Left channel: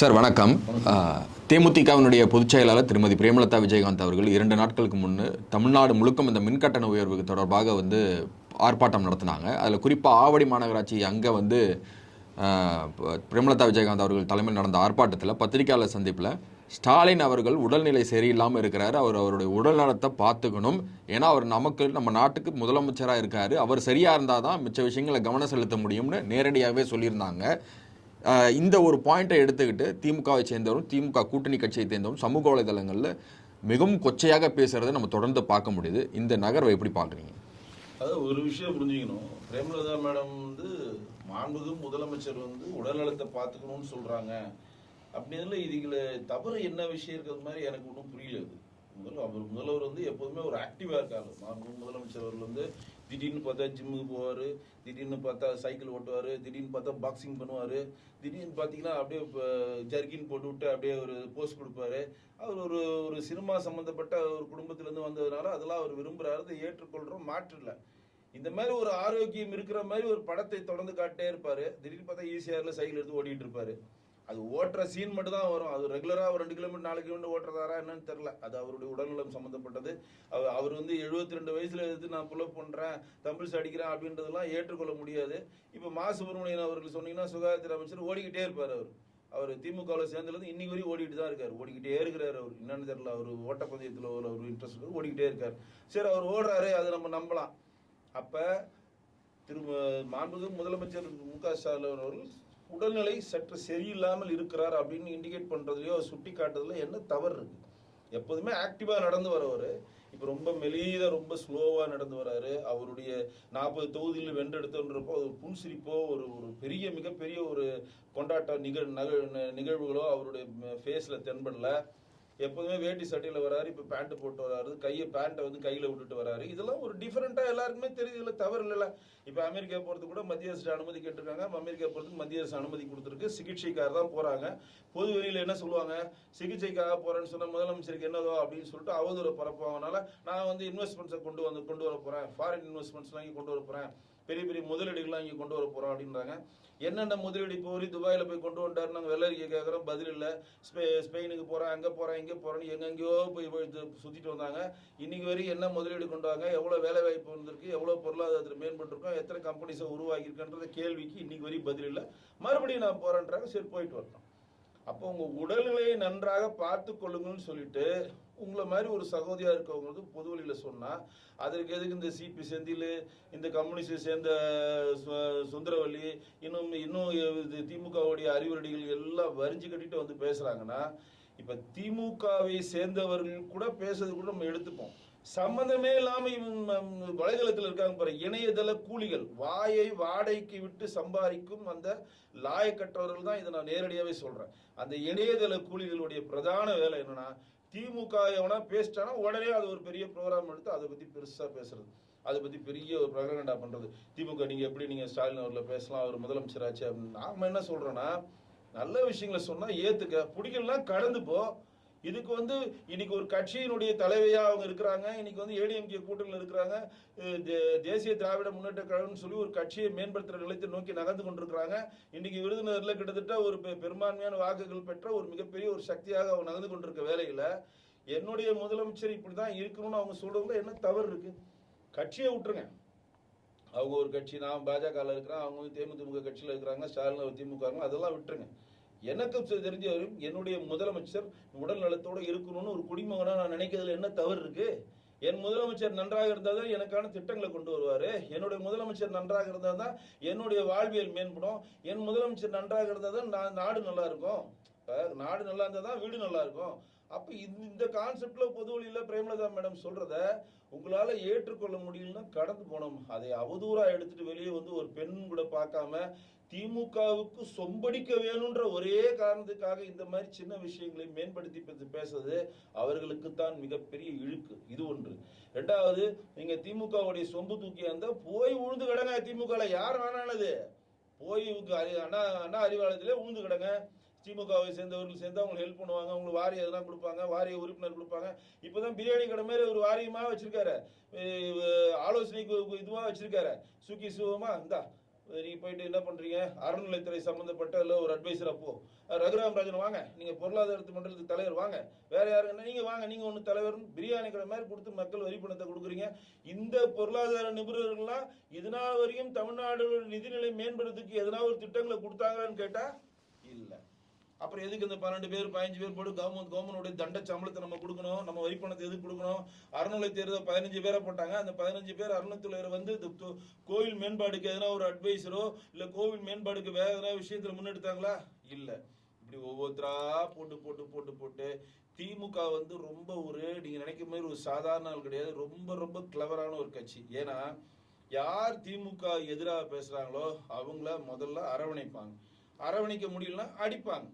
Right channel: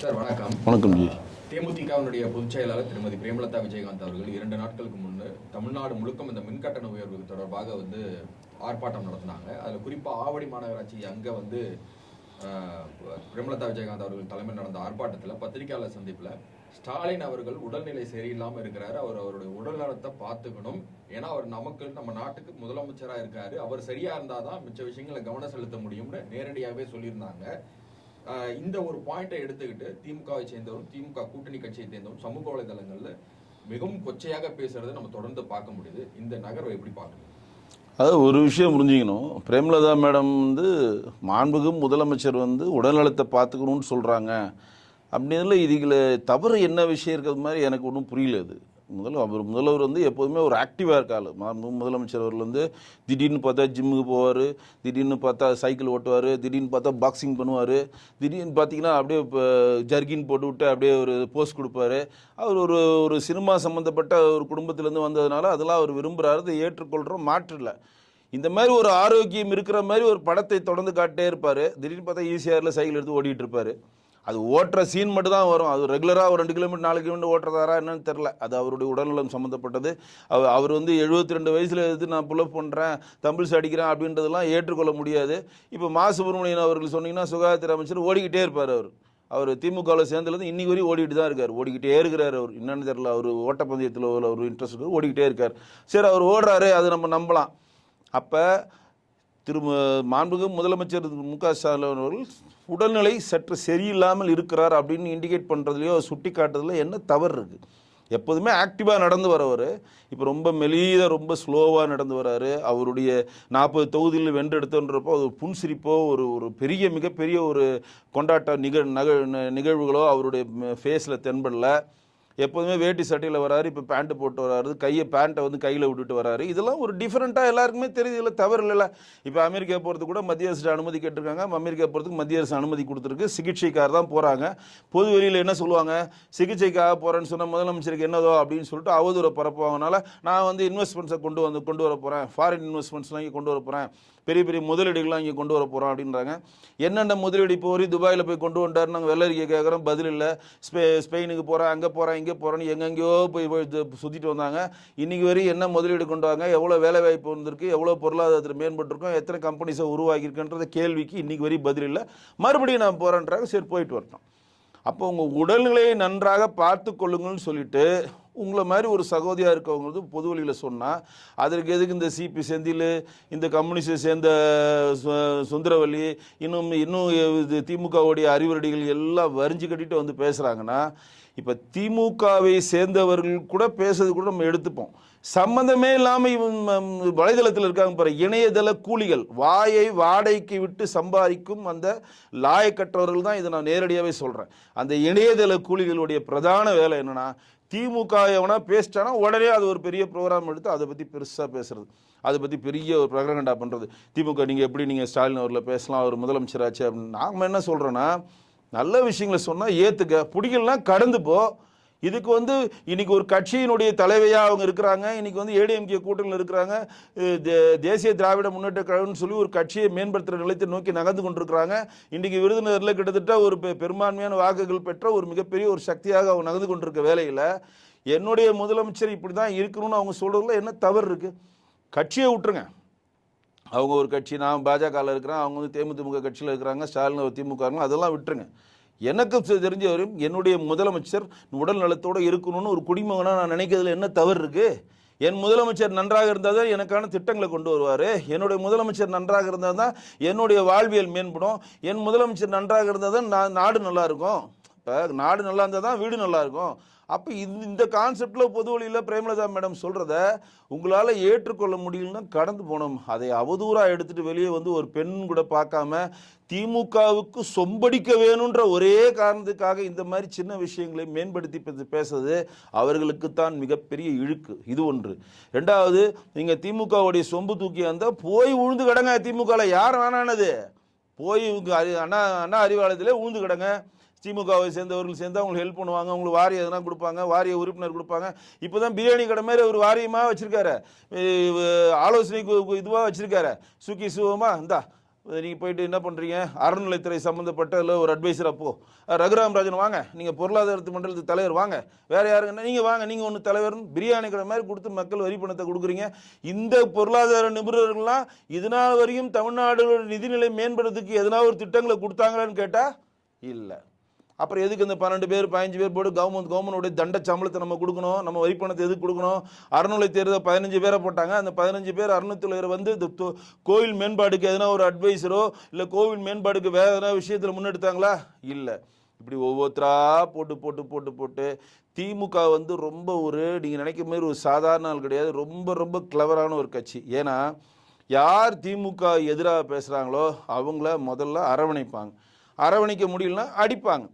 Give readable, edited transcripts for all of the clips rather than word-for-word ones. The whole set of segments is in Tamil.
சார் வணக்கம். வணக்கம். தேமுதிகவினுடைய பொதுச் செயலாளர் திருமதி பிரேமலதா விஜயகாந்த் அவர்கள் 2 நாட்களுக்கு முன்னு தமிழ்நாடு முழுக்கம் இந்த மின்கட்டண உயர்வு தொடர்பாக ஆர்ப்பாட்டம் நடத்தினாங்க. அதில் குறிப்பாக ஆவடி மாநகராட்சி அங்கே பிரேமலதா விஜயகாந்த் அவர்கள் தலைமையில் நடந்த ஆர்ப்பாட்டத்தில் பத்திரிகையாளர் சந்திப்பில் ஸ்டாலின் அவர்கள் உடல்நிலை சரியில்லாமல் இருக்கிறாரு, அவருடைய உடல் நலத்தை பார்த்துக்கணும், ஏன்னா அவர் நம்ம நாட்டுக்கு முதலமைச்சராக இருக்காரு, அவர் சரியாக இருந்தால் தான் மிச்ச விஷயங்களை கவனம் செலுத்த முடியும்னு நேரடியாகவே சொல்லியிருந்தாங்க. இந்த ஒரு பாயிண்டை எடுத்துக்கிட்டு திமுகவை சேர்ந்தவரும் திமுக கூட்டணி கட்சியை சேர்ந்தவரும் சமூக வலைதளங்களில் மிகவும் கொச்சையாக பேசுறதை நம்ம தொடர்ந்து பார்க்க முடியுது. இந்த நகர்வை எப்படி பார்க்குறீங்க? அதாவது ஒரு விஷயம் புரிஞ்சுக்கணும். பிரேமலதா மேடம் மாண்புமிகு முதலமைச்சர் உடல்நலத்தை பார்த்துக்கணும்னு சொல்கிறாங்க அப்படின்றதுல இதுல தவறு என்ன விஷயம் இருக்கிறது மாதிரி எனக்கு ஒன்றும் புரியல. அது முதல்வர் எப்போதுமே ஒரு ஆக்டிவாக இருக்காள். முதலமைச்சர் அவர்கள் திடீர்னு பார்த்தா ஜிம்முக்கு போவார், திடீர்னு பார்த்தா சைக்கிள் ஓட்டுவார், திடீர்னு பார்த்தா பாக்ஸிங் பண்ணுவார், திடீர்னு பார்த்தீங்கன்னா அப்படியே இப்போ ஜர்கின் போட்டு விட்டு அப்படியே ஒரு போஸ்ட் கொடுப்பாரு. அவர் ஒரு சினிமா சம்மந்தப்பட்ட ஒரு குடும்பத்திலேருந்து வந்ததுனால அதெல்லாம் அவர் விரும்புகிறாரு, அதை ஏற்றுக்கொள்கிறோம், மாற்று இல்லை. இந்த மாதிரி ஒரு ஆரோக்கியம் இருக்கிற மாதிரி ஒரு படத்தை தொடர்ந்து காட்டே இருப்பார். திடீர்னு பார்த்தா ஈசிஆரில் சைக்கிள் எடுத்து ஓடிட்டு இருப்பார். அது ஓட்டுற சீன் மட்டும் தான் வரும். அது ரெகுலராக ஒரு 2 கிலோமீட்டர் 4 கிலோமீட்டர் ஓட்டுறதாரா என்னன்னு தெரில. அது அவருடைய உடல்நலம் சம்மந்தப்பட்டது. அவர் 72 வயசில் எடுத்து நான் புல்லப் பண்ணுறேன், தம்பிள்ஸ் அடிக்கிறேன் அப்படின்றதெல்லாம் ஏற்றுக்கொள்ள முடியாது. இப்போ மா சுப்பிரமணியன் அவர்கள் சொன்னீங்கன்னா சுகாதாரத்துறை அமைச்சர் ஓடிக்கிட்டே இருப்பார். அவர் திமுகவில் சேர்ந்ததுலேருந்து இன்னைக்கு வரையும் ஓடிட்டு தான் இருக்கார், ஓடிக்கிட்டே இருக்கிறார். அவர் என்னன்னு தெரில, அவர் ஓட்டப்பந்தயத்தில் ஒரு இன்ட்ரெஸ்ட் இருக்குது, ஓடிக்கிட்டே இருக்கார். சரி, அவர் ஓடுறாரு, அதை நம்ம நம்பலாம். அப்போ மாண்புமிகு முதலமைச்சர் மு.க. ஸ்டாலின் அவர்கள் உடல்நிலை சற்று சரியில்லாமல் இருக்கிறார் அப்படின்னு இண்டிகேட் பண்ணுறதுலையோ சுட்டி காட்டுறதுல என்ன தவறு இருக்குது? எப்போதுமே ஆக்டிவாக நடந்து வரவர் இப்போ ரொம்ப மெலீதாக ரொம்ப ஸ்லோவாக நடந்து வர்றாரு. அவருடைய 40 தொகுதியில் வென்றெடுத்துன்றப்போ அது புன்சிரிப்போ ஒரு மிகப்பெரிய ஒரு கொண்டாட்ட நிகழ்வுகளோ அவருடைய ஃபேஸில் தென்படல. எப்போதுமே வேட்டி சட்டையில் வராரு, இப்போ பேண்ட்டு போட்டு வராரு, பேண்ட்டை கையில் விட்டுட்டு வராரு. இதெல்லாம் ஒரு டிஃப்ரெண்ட்டாக எல்லாருக்குமே தெரியுது, இல்லை தவறு இல்லைல்ல. இப்போ அமெரிக்கா போகிறதுக்கு கூட மத்திய அரசு அனுமதி கேட்டிருக்காங்க. அமெரிக்கா போகிறதுக்கு மத்திய அரசு அனுமதி கொடுத்துருக்கு. சிகிச்சைக்காக தான் போகிறாங்க. பொது வெளியில் என்ன சொல்லுவாங்க, சிகிச்சைக்காக போகிறேன்னு சொன்னால் முதலமைச்சருக்கு என்னதோ அப்படின்னு சொல்லிட்டு அவதூறை பரப்புவாங்கனால நான் இன்வெஸ்ட்மெண்ட்ஸை கொண்டு வர போகிறேன், ஃபாரின் இன்வெஸ்ட்மெண்ட்ஸ்லாம் இங்கே கொண்டு வர போகிறேன், பெரிய பெரிய முதலீடுகள்லாம் இங்கே கொண்டு வர போகிறோம் அப்படின்றாங்க. என்னென்ன முதலீடு இப்போ துபாயில் போய் கொண்டு வந்துட்டார், நாங்கள் வெள்ளரிக்கை கேட்குறோம், பதில் இல்லை. ஸ்பெயினுக்கு போகிறேன், அங்கே போகிறேன், இங்கே போகிறேன்னு எங்கெங்கேயோ போய் சுற்றிட்டு வந்தாங்க. இன்றைக்கி வரையும் என்ன முதலீடு கொண்டு வாங்க, எவ்வளோ வேலை வாய்ப்பு வந்திருக்கு, எவ்வளோ பொருளாதாரத்தில் மேம்பட்டுருக்கோம், எத்தனை கம்பெனிஸை உருவாக்கியிருக்குன்ற கேள்விக்கு இன்றைக்கி வரையும் பதில் இல்லை. மறுபடியும் நான் போகிறேன்றாங்க. சரி, போயிட்டு வரட்டும். அப்போ உங்கள் உடல்நிலையை நன்றாக பார்த்து கொள்ளுங்கள்னு சொல்லிட்டு உங்களை மாதிரி ஒரு சகோதரியாக இருக்கவங்க பொது வழியில் சொன்னால் அதற்கு எதுக்கு இந்த சிபி செந்தில், இந்த கம்யூனிஸ்டை சேர்ந்த சுந்தரவல்லி, இன்னும் திமுகவுடைய அறிவுரடிகள் எல்லாம் வரிஞ்சு கட்டிட்டு பேசுகிறாங்கன்னா, இப்போ திமுகவை சேர்ந்தவர்கள் கூட பேசுறது கூட நம்ம எடுத்துப்போம். சம்பந்தமே இல்லாமல் வலைதளத்தில் இருக்காங்க பாரு, இணையதள கூலிகள், வாயை வாடகைக்கு விட்டு சம்பாதிக்கும் அந்த லாயக்கற்றவர்கள் தான். இதை நான் நேரடியாகவே சொல்கிறேன். அந்த இணையதள கூலிகளுடைய பிரதான வேலை என்னென்னா, திமுக எவனா பேசிட்டானா உடனே அது ஒரு பெரிய ப்ரோக்ராம் எடுத்து அதை பற்றி பெருசாக பேசுறது, அதை பற்றி பெரிய ஒரு பிரகடனண்டா பண்ணுறது. திமுக நீங்கள் ஸ்டாலின் அவரில் பேசலாம், அவர் முதலமைச்சராச்சு அப்படின்னு. நாம் என்ன சொல்கிறோன்னா, நல்ல விஷயங்களை சொன்னால் ஏற்றுக்க, பிடிக்கலனா கடந்து போ. இதுக்கு இன்னைக்கு ஒரு கட்சியினுடைய தலைவையாக அவங்க இருக்கிறாங்க. இன்னைக்கு ஏடிஎம்கே கூட்டணியில் இருக்கிறாங்க. தேசிய திராவிட முன்னேற்ற கழகம்னு சொல்லி ஒரு கட்சியை மேம்படுத்துகிற நிலையத்தை நோக்கி நகர்ந்து கொண்டிருக்கிறாங்க. இன்றைக்கி விருதுநகரில் கிட்டத்தட்ட ஒரு பெரும்பான்மையான வாக்குகள் பெற்ற ஒரு மிகப்பெரிய ஒரு சக்தியாக அவங்க நகர்ந்து கொண்டிருக்க வேலையில் என்னுடைய முதலமைச்சர் இப்படி தான் இருக்கணும்னு அவங்க சொல்கிறதுல என்ன தவறு இருக்குது? கட்சியை விட்டுருங்க. அவங்க ஒரு கட்சி, நான் பாஜகவில் இருக்கிறேன், அவங்க தேமுதிக கட்சியில் இருக்கிறாங்க, ஸ்டாலின் திமுக, அதெல்லாம் விட்டுருங்க. எனக்கு தெரிஞ்சவரையும் என்னுடைய முதலமைச்சர் உடல் நலத்தோடு இருக்கணும்னு ஒரு குடிமகனாக நான் நினைக்கிறதுல என்ன தவறு இருக்குது? என் முதலமைச்சர் நன்றாக இருந்தால் தான் எனக்கான திட்டங்களை கொண்டு வருவார். என்னுடைய முதலமைச்சர் நன்றாக இருந்தால் தான் என்னுடைய வாழ்வியல் மேம்படும். என் முதலமைச்சர் நன்றாக இருந்தால் தான் நாடு நல்லாயிருக்கும். இப்போ நாடு நல்லா இருந்தால் தான் வீடு நல்லாயிருக்கும். அப்போ இந்த கான்செப்டில் பொது வழியில் பிரேமலதா மேடம் சொல்கிறத உங்களால் ஏற்றுக்கொள்ள முடியலன்னா கடந்து போகணும். அதை அவதூறாக எடுத்துகிட்டு வெளியே ஒரு பெண் கூட பார்க்காம திமுகவுக்கு சொம்படிக்க வேணுன்ற ஒரே காரணத்துக்காக இந்த மாதிரி சின்ன விஷயங்களை மேம்படுத்தி பேசுறது அவர்களுக்குத்தான் மிகப்பெரிய இழுக்கு. இது ஒன்று. ரெண்டாவது, நீங்கள் திமுகவுடைய சொம்பு தூக்கி வந்தால் போய் உழுந்து கிடங்க. திமுகவில் யார் வேணானது போய் அண்ணா அறிவாலயத்திலே உழுந்து கிடங்க. திமுகவை சேர்ந்தவர்கள் சேர்ந்து அவங்களுக்கு ஹெல்ப் பண்ணுவாங்க, அவங்களுக்கு வாரியம் எதனா கொடுப்பாங்க, வாரிய உறுப்பினர் கொடுப்பாங்க. இப்போ தான் பிரியாணி கடை மாதிரி ஒரு வாரியமாக வச்சுருக்காரு, ஆலோசனைக்கு இதுவாக வச்சுருக்காரு. சுக்கி சுகமாக இந்தா நீங்கள் போயிட்டு என்ன பண்ணுறீங்க, அறநிலைத்துறை சம்மந்தப்பட்ட இல்லை ஒரு அட்வைசர். அப்போ ரகுராம் ராஜன் வாங்க, நீங்கள் பொருளாதாரத்து மண்டலத்துக்கு தலைவர் வாங்க, வேறு யாருங்கன்னா நீங்கள் வாங்க, நீங்கள் ஒன்று தலைவர்னு பிரியாணி கடை மாதிரி கொடுத்து மக்கள் வரி பணத்தை கொடுக்குறீங்க. இந்த பொருளாதார நிபுணர்கள்லாம் இதனால் வரையும் தமிழ்நாடு நிதிநிலை மேம்படுறதுக்கு எதனா ஒரு திட்டங்களை கொடுத்தாங்களான்னு கேட்டால் இல்லை. அப்புறம் எதுக்கு இந்த 12 பேர் 15 பேர் போட்டு கவர்மெண்டோடைய தண்ட சம்பளத்தை நம்ம கொடுக்கணும், நம்ம வரி பணத்தை எதுக்கு கொடுக்கணும்? அறநிலை தேர்தல் 15 பேரை போட்டாங்க. அந்த 15 பேர் அறநிலைத்துறையர் வந்து இந்த கோவில் மேம்பாடுக்கு எதனா ஒரு அட்வைசரோ இல்லை கோவில் மேம்பாடுக்கு வேற எதனா விஷயத்தில் முன்னெடுத்தாங்களா? இல்லை. இப்படி ஒவ்வொருத்தரா போட்டு போட்டு போட்டு போட்டு திமுக வந்து ரொம்ப ஒரு நீங்கள் நினைக்கிற மாதிரி ஒரு சாதாரண ஆள் கிடையாது, ரொம்ப ரொம்ப கிளவரான ஒரு கட்சி. ஏன்னா யார் திமுக எதிராக பேசுகிறாங்களோ அவங்கள முதல்ல அரவணைப்பாங்க, அரவணைக்க முடியலன்னா அடிப்பாங்க.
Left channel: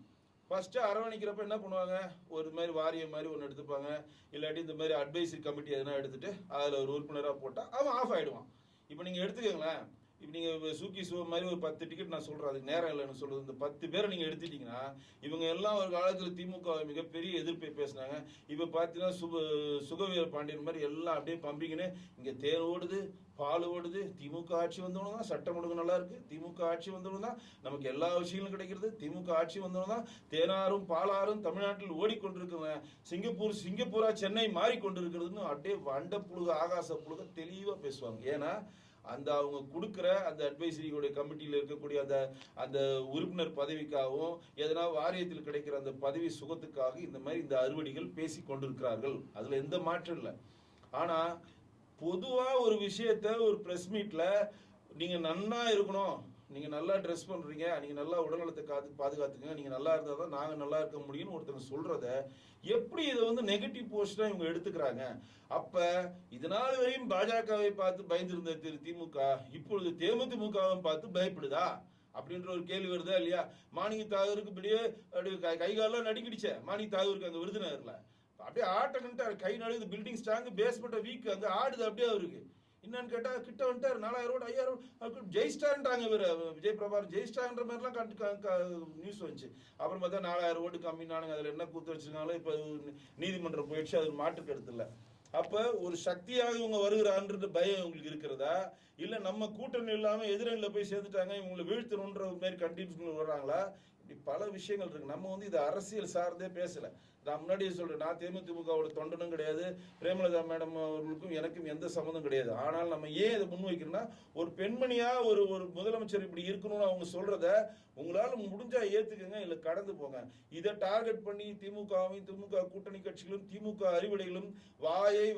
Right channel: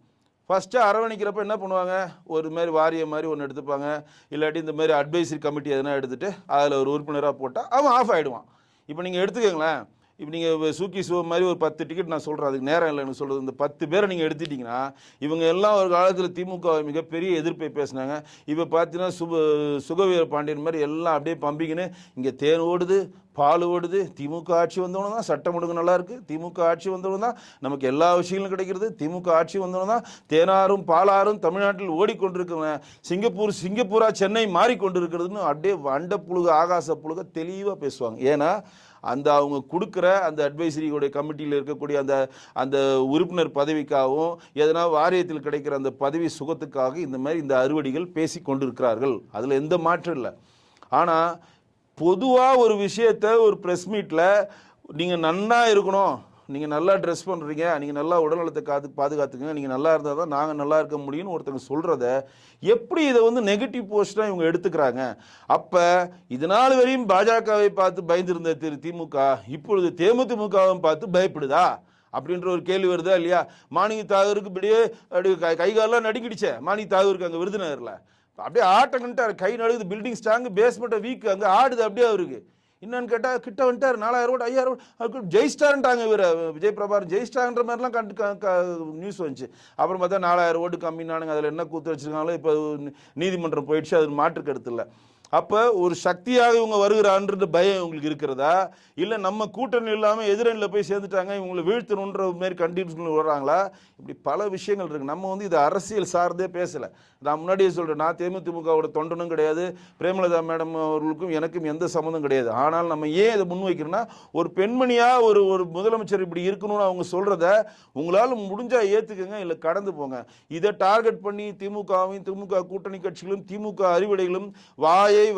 ஃபஸ்ட்டு அரவணைக்கிறப்ப என்ன பண்ணுவாங்க, ஒரு மாதிரி வாரியம் மாதிரி ஒன்று எடுத்துப்பாங்க, இல்லாட்டி இந்த மாதிரி அட்வைசரி கமிட்டி எதனா எடுத்துகிட்டு அதில் ஒரு உறுப்பினராக போட்டால் அவன் ஆஃப் ஆகிடுவான். இப்போ நீங்கள் எடுத்துக்கோங்களேன், இப்போ நீங்கள் சூக்கி சிவ மாதிரி ஒரு 10 டிக்கெட் நான் சொல்கிறேன், அதுக்கு நேரம் இல்லைன்னு சொல்கிறது. இந்த 10 பேரை நீங்கள் எடுத்துட்டிங்கன்னா இவங்க எல்லாம் ஒரு காலத்தில் திமுக மிகப்பெரிய எதிர்ப்பை பேசினாங்க. இப்போ பார்த்தீங்கன்னா சுகவீர பாண்டியன் மாதிரி எல்லாம் அப்படியே பம்பிக்கின்னு இங்கே தேன் ஓடுது பால் ஓடுது. திமுக ஆட்சி வந்தவங்க தான் சட்டம் ஒழுங்கு நல்லா இருக்குது, திமுக ஆட்சி வந்தவங்க தான் நமக்கு எல்லா விஷயங்களும் கிடைக்கிறது, திமுக ஆட்சி வந்தவங்க தான் தேனாரும் பாலாரும் தமிழ்நாட்டில் ஓடிக்கொண்டிருக்கிறவங்க, சிங்கப்பூரா சென்னை மாறிக்கொண்டிருக்கிறதுன்னு அப்படியே வண்ட புழுக ஆகாச புழுக தெளிவாக பேசுவாங்க. ஏன்னா அந்த அவங்க கொடுக்குற அந்த அட்வைசரியோடைய கமிட்டியில் இருக்கக்கூடிய அந்த அந்த உறுப்பினர் பதவிக்காகவும் எதனா வாரியத்தில் கிடைக்கிற அந்த பதவி சுகத்துக்காக இந்த மாதிரி இந்த அறுவடிகள் பேசி கொண்டிருக்கிறார்கள். அதில் எந்த மாற்றம் இல்லை. ஆனால் பொதுவாக ஒரு விஷயத்தை ஒரு ப்ரெஸ் மீட்டில் நீங்கள் நன்னா இருக்கணும், நீங்கள் நல்லா ட்ரெஸ் பண்ணுறீங்க, நீங்கள் நல்லா உடல்நலத்தை பாதுகாத்துங்க, நீங்கள் நல்லா இருந்தால் தான் நாங்கள் நல்லா இருக்க முடியும்னு ஒருத்தங்க சொல்கிறத எப்படி இதை வந்து நெகட்டிவ் போஸ்ட்டாக இவங்க எடுத்துக்கிறாங்க? அப்போ இதனால் வரையும் பாஜகவை பார்த்து பயந்துருந்த திமுக இப்பொழுது தேமுதிமுகவை பார்த்து பயப்படுதா அப்படின்ற ஒரு கேள்வி வருதா இல்லையா? மாணிக்க தாகூருக்கு இப்படியே அப்படி கைகாலெலாம் நடுங்கிடுச்சே மாணிக்க தாகூருக்கு அங்கே விருதுநகரில், அப்படியே ஆட்டங்கன்ட்டார், கை நடுகுது, பில்டிங் ஸ்ட்ராங்கு, பேஸ்மெண்ட்டை வீக்கு, அங்கே ஆடுது அப்படியே அவருக்கு. என்னன்னு கேட்டால் கிட்ட வந்துட்டார், 4000 ஓட்டு 5000 ஓட்டு ஜெயிஸ்டார்ன்ட்டாங்க. இவர் விஜய் பிரபாகர் ஜெயிஸ்டார்ன்ற மாதிரிலாம் நியூஸ் வந்துச்சு. அப்புறம் பார்த்தா 4000 ஓட்டு கம்மினானுங்க, அதில் என்ன கூத்து வச்சுருக்காங்களோ இப்போ நீதிமன்றம் போயிடுச்சு, அது மாற்று கருத்து இல்லை. அப்போ ஒரு சக்தியாக இவங்க வருகிறான்றது பயம் இவங்களுக்கு இருக்கிறதா, இல்லை நம்ம கூட்டணி இல்லாமல் எதிரணியில் போய் சேர்ந்துட்டாங்க இவங்களை வீழ்த்தணுன்ற மாரி கண்டிஷன் வர்றாங்களா? இப்படி பல விஷயங்கள் இருக்குது. நம்ம வந்து இது அரசியல் சார்ந்தே பேசலை. நான் முன்னாடியே சொல்கிறேன், நான் தேமுதிமுகவோட தொண்டனும் கிடையாது, பிரேமலதா மேடம் அவர்களுக்கும் எனக்கும் எந்த சம்மந்தம் கிடையாது. ஆனால் நம்ம ஏன் இதை முன்வைக்கிறோன்னா, ஒரு பெண்மணியாக ஒரு முதலமைச்சர் இப்படி இருக்கணும்னு அவங்க சொல்கிறத உங்களால் முடிஞ்சால் ஏற்றுக்குங்க, இல்லை கடந்து போங்க. இதை டார்கெட் பண்ணி திமுகவையும் திமுக கூட்டணி கட்சிகளும் திமுக அறிவுடைகளும்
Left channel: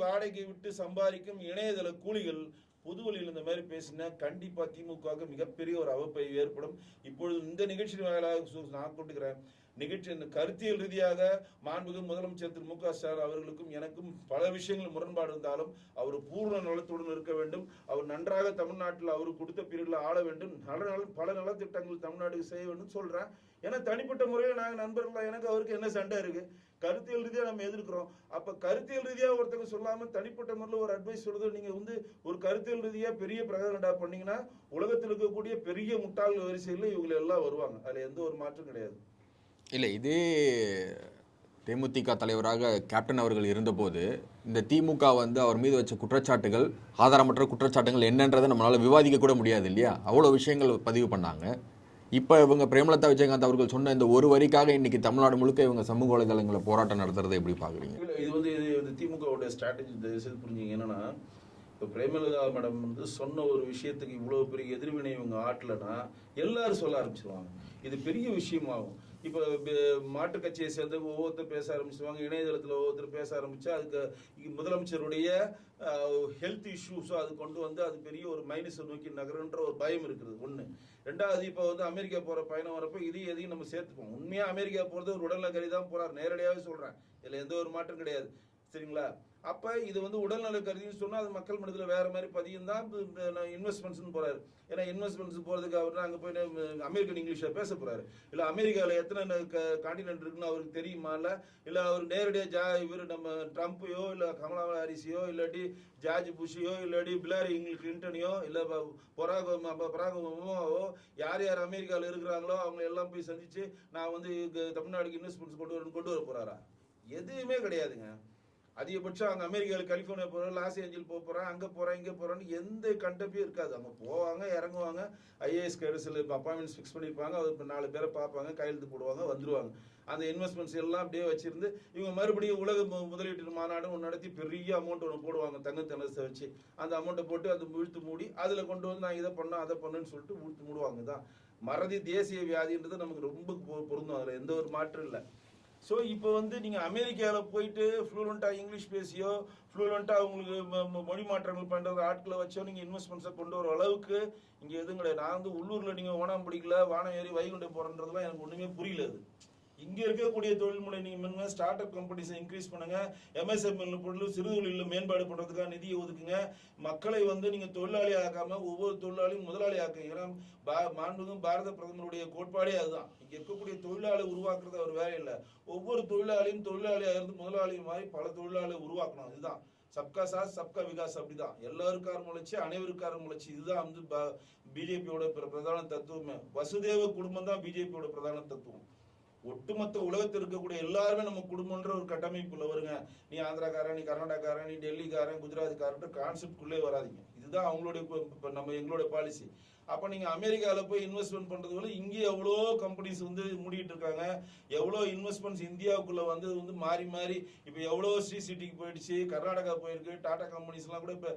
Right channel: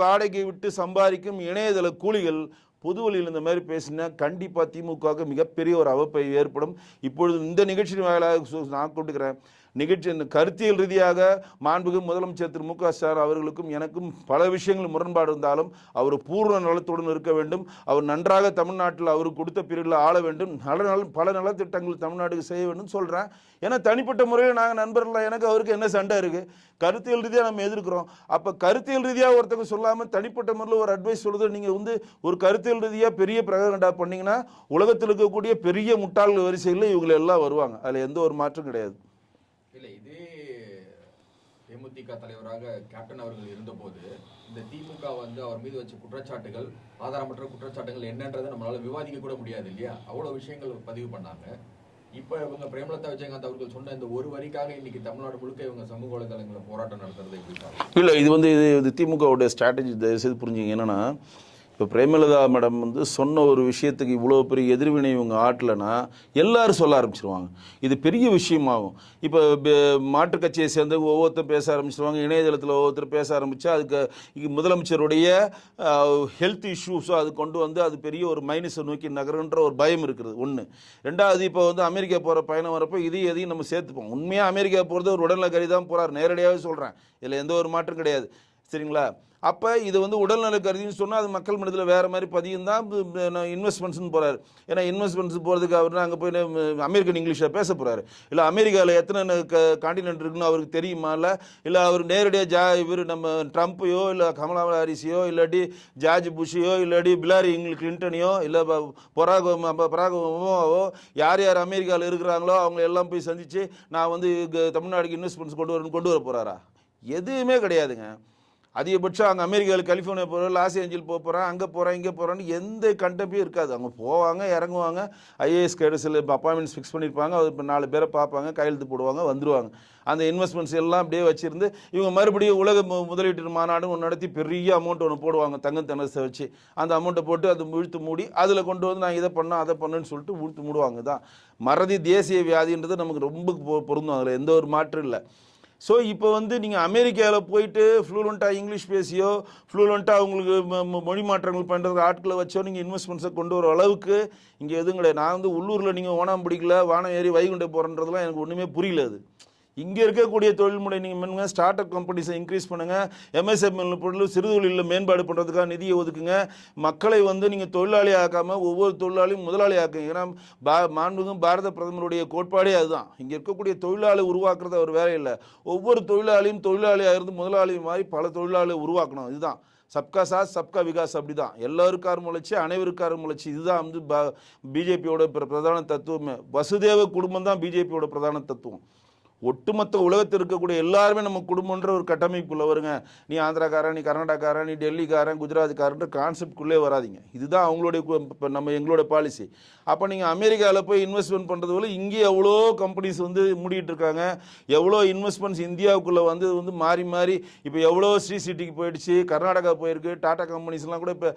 வாடகை விட்டு சம்பாதிக்கும் இணையதள கூலிகள் பொதுவெளியில் இந்த மாதிரி பேசினா கண்டிப்பாக திமுகவுக்கு மிகப்பெரிய ஒரு அவப்பை ஏற்படும். இப்பொழுது இந்த நிகழ்ச்சி வாயிலாக நான் கூட்டுக்கிறேன், நிகழ்ச்சி கருத்தியல் ரீதியாக மாண்புமிகு முதலமைச்சர் திரு மு க ஸ்டாலின் அவர்களுக்கும் எனக்கும் பல விஷயங்கள் முரண்பாடு இருந்தாலும் அவர் பூர்ண நலத்துடன் இருக்க வேண்டும். அவர் நன்றாக தமிழ்நாட்டில் அவருக்கு கொடுத்த பிரிவில் ஆள வேண்டும், பல நலத்திட்டங்கள் தமிழ்நாட்டுக்கு செய்ய வேண்டும் சொல்கிறேன். ஏன்னா தனிப்பட்ட முறையில் நாங்கள் நண்பர்கள், எனக்கு அவருக்கு என்ன சண்டை இருக்குது? கருத்தியல் ரீதியாக நம்ம எதிர்க்கிறோம். அப்போ கருத்தியல் ரீதியாக ஒருத்தங்க சொல்லாமல் தனிப்பட்ட முறையில் ஒரு அட்வைஸ் சொல்லுது, நீங்கள் வந்து ஒரு கருத்தியல் ரீதியாக பெரிய பிரகடனடா பண்ணிங்கன்னா உலகத்தில் இருக்கக்கூடிய பெரிய முட்டாள்கள் வரிசையில் இவங்களை எல்லாம் வருவாங்க. அதில் எந்த ஒரு மாற்றம் கிடையாது. இல்லை, இதே தேமுதிக தலைவராக கேப்டன் அவர்கள் இருந்தபோது இந்த திமுக வந்து அவர் மீது வச்ச குற்றச்சாட்டுகள், ஆதாரமற்ற குற்றச்சாட்டுகள் என்னன்றதை நம்மளால் விவாதிக்க கூட முடியாது இல்லையா? அவ்வளோ விஷயங்கள் பதிவு பண்ணாங்க. இப்போ இவங்க பிரேமலதா விஜயகாந்த் அவர்கள் சொன்ன இந்த ஒரு வரிக்காக இன்னைக்கு தமிழ்நாடு முழுக்க இவங்க சமூக வலைதளங்களில் போராட்டம் நடத்துறதை எப்படி பார்க்குறீங்க? இல்லை, இது வந்து இது திமுகவுடைய ஸ்ட்ராட்டஜி. தயவுசெய்து புரிஞ்சுங்க. என்னென்னா, இப்போ பிரேமலதா மேடம் வந்து சொன்ன ஒரு விஷயத்துக்கு இவ்வளோ பெரிய எதிர்வினை இவங்க ஆட்டலைன்னா எல்லாரும் சொல்ல ஆரம்பிச்சிருவாங்க, இது பெரிய விஷயமாகும். இப்போ மாற்றுக் கட்சியை சேர்ந்து ஒவ்வொருத்தர் பேச ஆரம்பிச்சிருவாங்க, இணையதளத்தில் ஒவ்வொருத்தர் பேச ஆரம்பித்தா அதுக்கு முதலமைச்சருடைய ஹெல்த் இஷ்யூஸோ அது கொண்டு வந்து அது பெரிய ஒரு மைனஸை நோக்கி நகருன்ற ஒரு பயம் இருக்குது ஒன்று. ரெண்டாவது, இப்போ வந்து அமெரிக்கா போகிற பயணம் வரப்போ எதையும் நம்ம சேர்த்துப்போம். உண்மையாக அமெரிக்கா போகிறது ஒரு உடல்நல கருதி தான் போகிறார், நேரடியாகவே சொல்கிறேன், இதில் எந்த ஒரு மாற்றம் கிடையாது. சரிங்களா? அப்போ இது வந்து உடல்நல கருதின்னு சொன்னால் அது மக்கள் மனதில் வேறு மாதிரி பதியும் தான். இன்வெஸ்ட்மெண்ட்ஸ்னு போகிறாரு. ஏன்னா இன்வெஸ்ட்மெண்ட்ஸ் போகிறதுக்கு அவர் அங்கே போய் அமெரிக்கன் இங்கிலீஷில் பேச போகிறாரு. இல்லை அமெரிக்காவில் எத்தனை காண்டினென்ட் இருக்குன்னு அவருக்கு தெரியுமா? இல்லை அவர் நேரடியாக இவர் நம்ம ட்ரம்ப்பையோ இல்லை கமலா ஹாரிஸையோ இல்லாட்டி ஜார்ஜ் புஷையோ இல்லாட்டி பிலாரி கிளின்டனையோ இல்லை பராக் ஒபாமாவோ யார் யார் அமெரிக்காவில் இருக்கிறாங்களோ அவங்க எல்லாம் போய் சந்தித்து நான் வந்து தமிழ்நாடுக்கு இன்வெஸ்ட்மெண்ட்ஸ் கொண்டு வர போகிறாரா? எதுவுமே கிடையாதுங்க. அதிகபட்சம் அங்கே அமெரிக்காவில் கலிஃபோர்னியா போகிறோம், லாஸ் ஏஞ்சல் போகிறேன், அங்கே போகிறேன், இங்கே போகிறேன்னு எந்த கண்டப்பே இருக்காது. அவங்க போவாங்க, இறங்குவாங்க, ஐஏஎஸ் கேடஸில் இப்போ அப்பாயின்மெண்ட்ஸ் ஃபிக்ஸ் பண்ணியிருப்பாங்க, அது இப்போ 4 பேரை பார்ப்பாங்க, கையெழுத்து போடுவாங்க, வந்துடுவாங்க. அந்த இன்வெஸ்ட்மெண்ட்ஸ் எல்லாம் அப்படியே வச்சுருந்து இவங்க மறுபடியும் உலக முதலீட்டு மாநாடு ஒன்று நடத்தி பெரிய அமௌண்ட் ஒன்று போடுவாங்க, தங்கம் தனசை வச்சு. அந்த அமௌண்ட்டை போட்டு அது இழுத்து மூடி அதில் கொண்டு வந்து நான் இதை பண்ணேன் அதை பண்ணேன்னு சொல்லிட்டு இழுத்து மூடுவாங்க. தான் மறதி தேசிய வியாதின்றது நமக்கு ரொம்ப பொருந்தும், அதில் எந்த ஒரு மாற்றம் இல்லை. ஸோ இப்போ வந்து நீங்கள் அமெரிக்காவில் போயிட்டு ஃப்ளூலண்ட்டாக இங்கிலீஷ் பேசியோ ஃப்ளூலண்ட்டாக உங்களுக்கு மொழி மாற்றங்கள் பண்ணுறது ஆட்களை வச்சோ நீங்கள் இன்வெஸ்ட்மெண்ட்ஸை கொண்டு வர அளவுக்கு இங்கே எதுவும் கிடையாது. நான் வந்து உள்ளூரில் நீங்கள் ஓணாம் பிடிக்கல, வானம் ஏறி வைகுண்டை போகிறன்றதுலாம் எனக்கு ஒன்றுமே புரியல. அது இங்கே இருக்கக்கூடிய தொழில்முறை நீங்கள் பண்ணுங்கள், ஸ்டார்ட் அப் கம்பெனிஸை இன்க்ரீஸ் பண்ணுங்கள், எம்எஸ்எம்எல் பொருள் சிறு தொழிலில் மேம்பாடு பண்ணுறதுக்காக நிதியை ஒதுக்குங்க. மக்களை வந்து நீங்கள் தொழிலாளி ஆக்காமல் ஒவ்வொரு தொழிலாளியும் முதலாளி ஆக்குங்க. ஏன்னா மாண்புமிகு பாரத பிரதமருடைய கோட்பாடே அதுதான். இங்கே இருக்கக்கூடிய தொழிலாளி உருவாக்குறது ஒரு வேலை இல்லை. ஒவ்வொரு தொழிலாளியும் தொழிலாளியாக இருந்து முதலாளி மாதிரி பல தொழிலாளியை உருவாக்கணும். இதுதான் சப்கா சாத் சப்கா விகாஸ். அப்படி தான் எல்லாருக்காரும் முளைச்சி அனைவருக்காரும் முளைச்சி. இதுதான் வந்து பிஜேபியோட பிரதான தத்துவமே. வசுதேவ குடும்பம் தான் பிஜேபியோட பிரதான தத்துவம். ஒட்டுமொத்த உலகத்தில் இருக்கக்கூடிய எல்லாருமே நம்ம குடும்பன்ற ஒரு கட்டமைப்புக்குள்ளே வருங்க. நீ ஆந்திராக்காரன், நீ கர்நாடகாரன், நீ டெல்லிக்காரன், குஜராத்காரன்ற கான்செப்ட்குள்ளே வராதிங்க. இதுதான் அவங்களுடைய எங்களோட பாலிசி. அப்போ நீங்கள் அமெரிக்காவில் போய் இன்வெஸ்ட்மெண்ட் பண்ணுறது போல இங்கே எவ்வளோ கம்பெனிஸ் வந்து மூடிட்டு இருக்காங்க. எவ்வளோ இன்வெஸ்ட்மெண்ட்ஸ் இந்தியாவுக்குள்ளே வந்து மாறி மாறி இப்போ எவ்வளோ ஸ்ரீ சிட்டிக்கு போயிடுச்சு, கர்நாடகா போயிருக்கு, டாடா கம்பெனிஸ்லாம் கூட இப்போ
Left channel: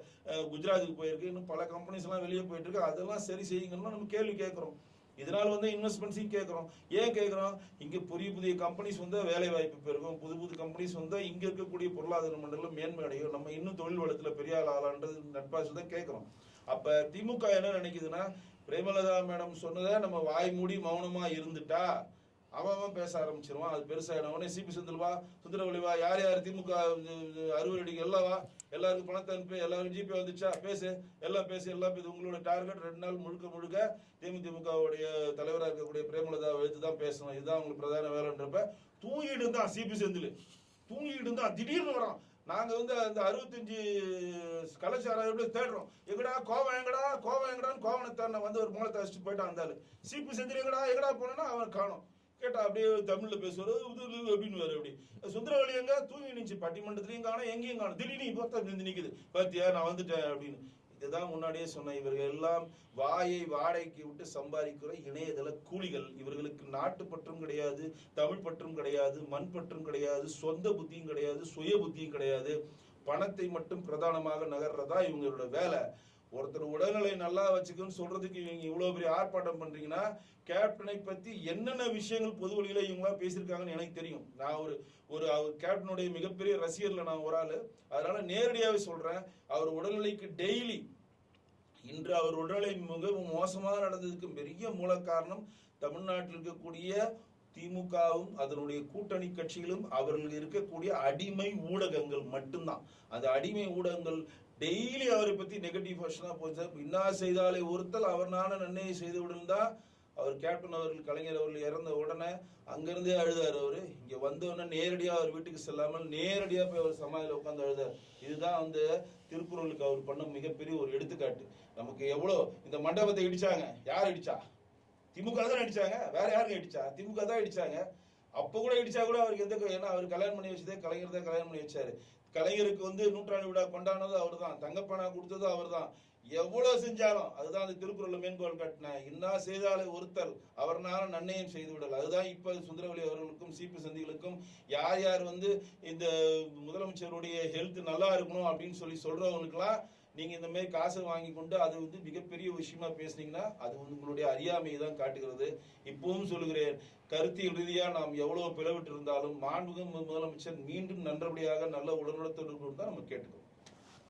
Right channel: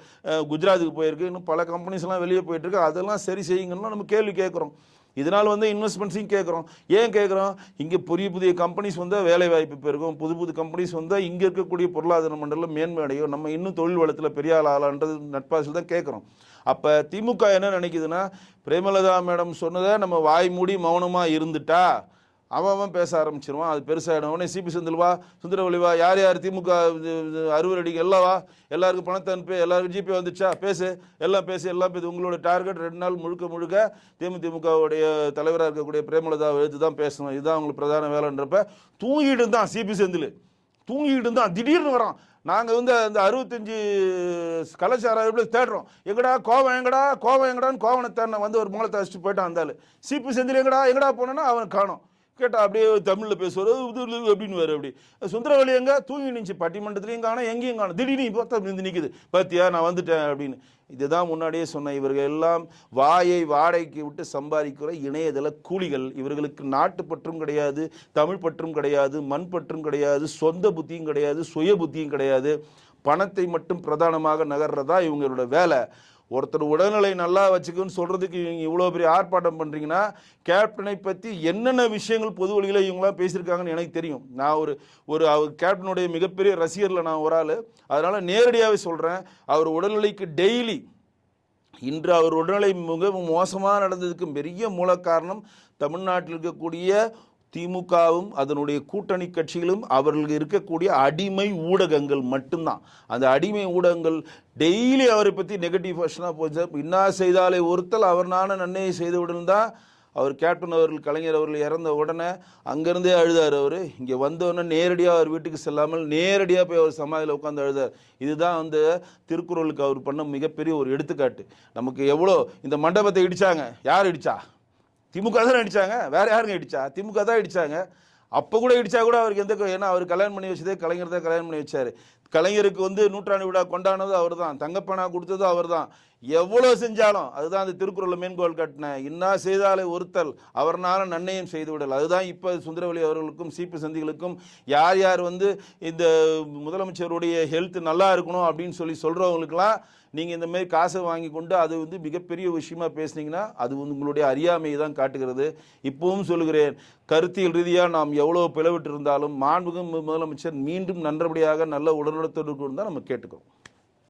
குஜராத்துக்கு போயிருக்கு, இன்னும் பல கம்பெனிஸ்லாம் வெளியே போயிட்டுருக்கு. அதெல்லாம் சரி செய்யுங்கன்னா நம்ம கேள்வி கேட்குறோம். இதனால் வந்து இன்வெஸ்ட்மெண்ட்ஸையும் கேட்குறோம். ஏன் கேட்குறோம்? இங்கே புதிய கம்பெனிஸ் வந்தால் வேலை வாய்ப்பு பெருகும், புது கம்பெனிஸ் வந்தால் இங்கே இருக்கக்கூடிய பொருளாதார மண்டலம் மேன்மை அடையும், நம்ம இன்னும் தொழில் வளத்தில் பெரிய ஆளான்றது நட்பாசில் தான் கேட்குறோம். அப்போ திமுக என்ன நினைக்குதுன்னா, பிரேமலதா மேடம் சொன்னதை நம்ம வாய் மூடி மௌனமாக இருந்துட்டா அவன் பேச ஆரம்பிச்சிருவான். அது பெருசாகிடும். உடனே சிபி செந்தில்வா, சுந்தரவழிவா, யார் யார் திமுக 60 அடிக்கு எல்லாவா, எல்லாருக்கும் பணத்தை அனுப்பி, எல்லாருக்கும் ஜிபே வந்துச்சா, பேசு, எல்லாம் பேசு, எல்லாம் பேசு. உங்களோட டார்கெட் 2 நாள் முழுக்க தேமுதிமுகவுடைய தலைவராக இருக்கக்கூடிய பிரேமலதா எழுத்து தான் பேசணும், இதுதான் அவங்களுக்கு பிரதான வேலைன்றப்ப தூங்கிட்டு தான் சிபி செந்தில் தூங்கிட்டு தான் திடீர்னு வரான். நாங்கள் வந்து அந்த 65 கலாச்சாரம் தேடுறோம், எங்கடா கோவம் எங்கடான்னு கோவனை தேடின வந்து ஒரு மூலத்தை வச்சுட்டு போயிட்டான். இருந்தாலும் சிபி செந்தில் எங்கடா போனோன்னா அவன் காணும். கேட்டால் அப்படியே தமிழில் பேசுவார், இது அப்படின்னு வேறு. அப்படி சுந்தரவழி எங்கே தூங்கி நின்று பட்டிமன்றத்துலையும் காணும், எங்கேயும் காணும். திடீர்னு இப்போ நிற்குது, பார்த்தியா நான் வந்துட்டேன் அப்படின்னு. இதுதான் முன்னாடியே சொன்ன, இவர்கள் எல்லாம் வாயை வாடகைக்கு விட்டு சம்பாதிக்கிற இணையதள கூலிகள். இவர்களுக்கு நாட்டு பற்றும் கிடையாது, தமிழ் பற்றும் கிடையாது, மண் பற்றும் கிடையாது, சொந்த புத்தியும் கிடையாது, சுய புத்தியும் கிடையாது. பணத்தை மட்டும் பிரதானமாக நகர்றதா இவங்களோட வேலை. ஒருத்தர் உடல்நிலை நல்லா வச்சுக்குன்னு சொல்கிறதுக்கு இவங்க இவ்வளோ பெரிய ஆர்ப்பாட்டம் பண்ணுறீங்கன்னா, கேப்டனை பற்றி என்னென்ன விஷயங்கள் பொது வழியில் இவங்களாம் பேசியிருக்காங்கன்னு எனக்கு தெரியும். நான் அவர் கேப்டனுடைய மிகப்பெரிய ரசிகரில் நான் ஒரு ஆள். அதனால் நேரடியாகவே சொல்கிறேன், அவர் உடல்நிலைக்கு டெய்லி இன்று அவர் உடல்நிலை மிக மோசமாக நடந்ததுக்கு பெரிய மூல காரணம் தமிழ்நாட்டில் இருக்கக்கூடிய திமுகவும் அதனுடைய கூட்டணி கட்சிகளும் அவர்களுக்கு இருக்கக்கூடிய அடிமை ஊடகங்கள் மட்டும்தான். அந்த அடிமை ஊடகங்கள் டெய்லி அவரை பற்றி நெகட்டிவ் ஃபர்ஸ்ட்னாக போச்சு. இன்னா செய்தாலே ஒருத்தல் அவர் நானும் நன்மையை செய்து விடுந்தான். அவர் கேப்டன் அவர்கள், கலைஞர் அவர்கள் இறந்த உடனே அங்கேருந்தே அழுதார். அவர் இங்கே வந்தோடனே நேரடியாக அவர் வீட்டுக்கு செல்லாமல் நேரடியாக போய் அவர் சமாதியில் உட்காந்து அழுதார். இதுதான் வந்து திருக்குறளுக்கு அவர் பண்ண மிகப்பெரிய ஒரு எடுத்துக்காட்டு. நமக்கு எவ்வளோ இந்த மண்டபத்தை இடித்தாங்க, யார் இடித்தா? திமுக தான் அடித்தாங்க, வேறு யாருங்க இடித்தா? திமுக தான் இடித்தாங்க. அப்போ கூட இடித்தா கூட அவருக்கு ஏன்னா அவர் கல்யாணம் பண்ணி வச்சதே கலைஞர் தான் கல்யாணம் பண்ணி வச்சார். கலைஞருக்கு வந்து 100ஆண்டு விழா கொண்டாடினது அவர் தான், தங்கப்பனா கொடுத்தது அவர் தான். எவ்வளோ செஞ்சாலும் அதுதான் அந்த திருக்குறளை மேன்கோள் காட்டின, இன்னா செய்தாலே ஒருத்தல் அவர்னால நன்மையும் செய்து விடல். அதுதான் இப்போ சுந்தரவழி அவர்களுக்கும் சிபி சந்திகளுக்கும் யார் யார் வந்து இந்த முதலமைச்சருடைய ஹெல்த் நல்லா இருக்கணும் அப்படின்னு சொல்கிறவங்களுக்கெல்லாம் நீங்கள் இந்த மாதிரி காசை வாங்கி கொண்டு அது வந்து மிகப்பெரிய விஷயமா பேசுனீங்கன்னா அது உங்களுடைய அறியாமையை தான் காட்டுகிறது. இப்பவும் சொல்லுகிறேன், கருத்தியல் ரீதியாக நாம் எவ்வளோ பிளவிட்டு இருந்தாலும் மாண்புமிகு முதலமைச்சர் மீண்டும் நல்லபடியாக நல்ல உடல்நலத்தோடு இருந்தால் நம்ம கேட்டுக்கிறோம்.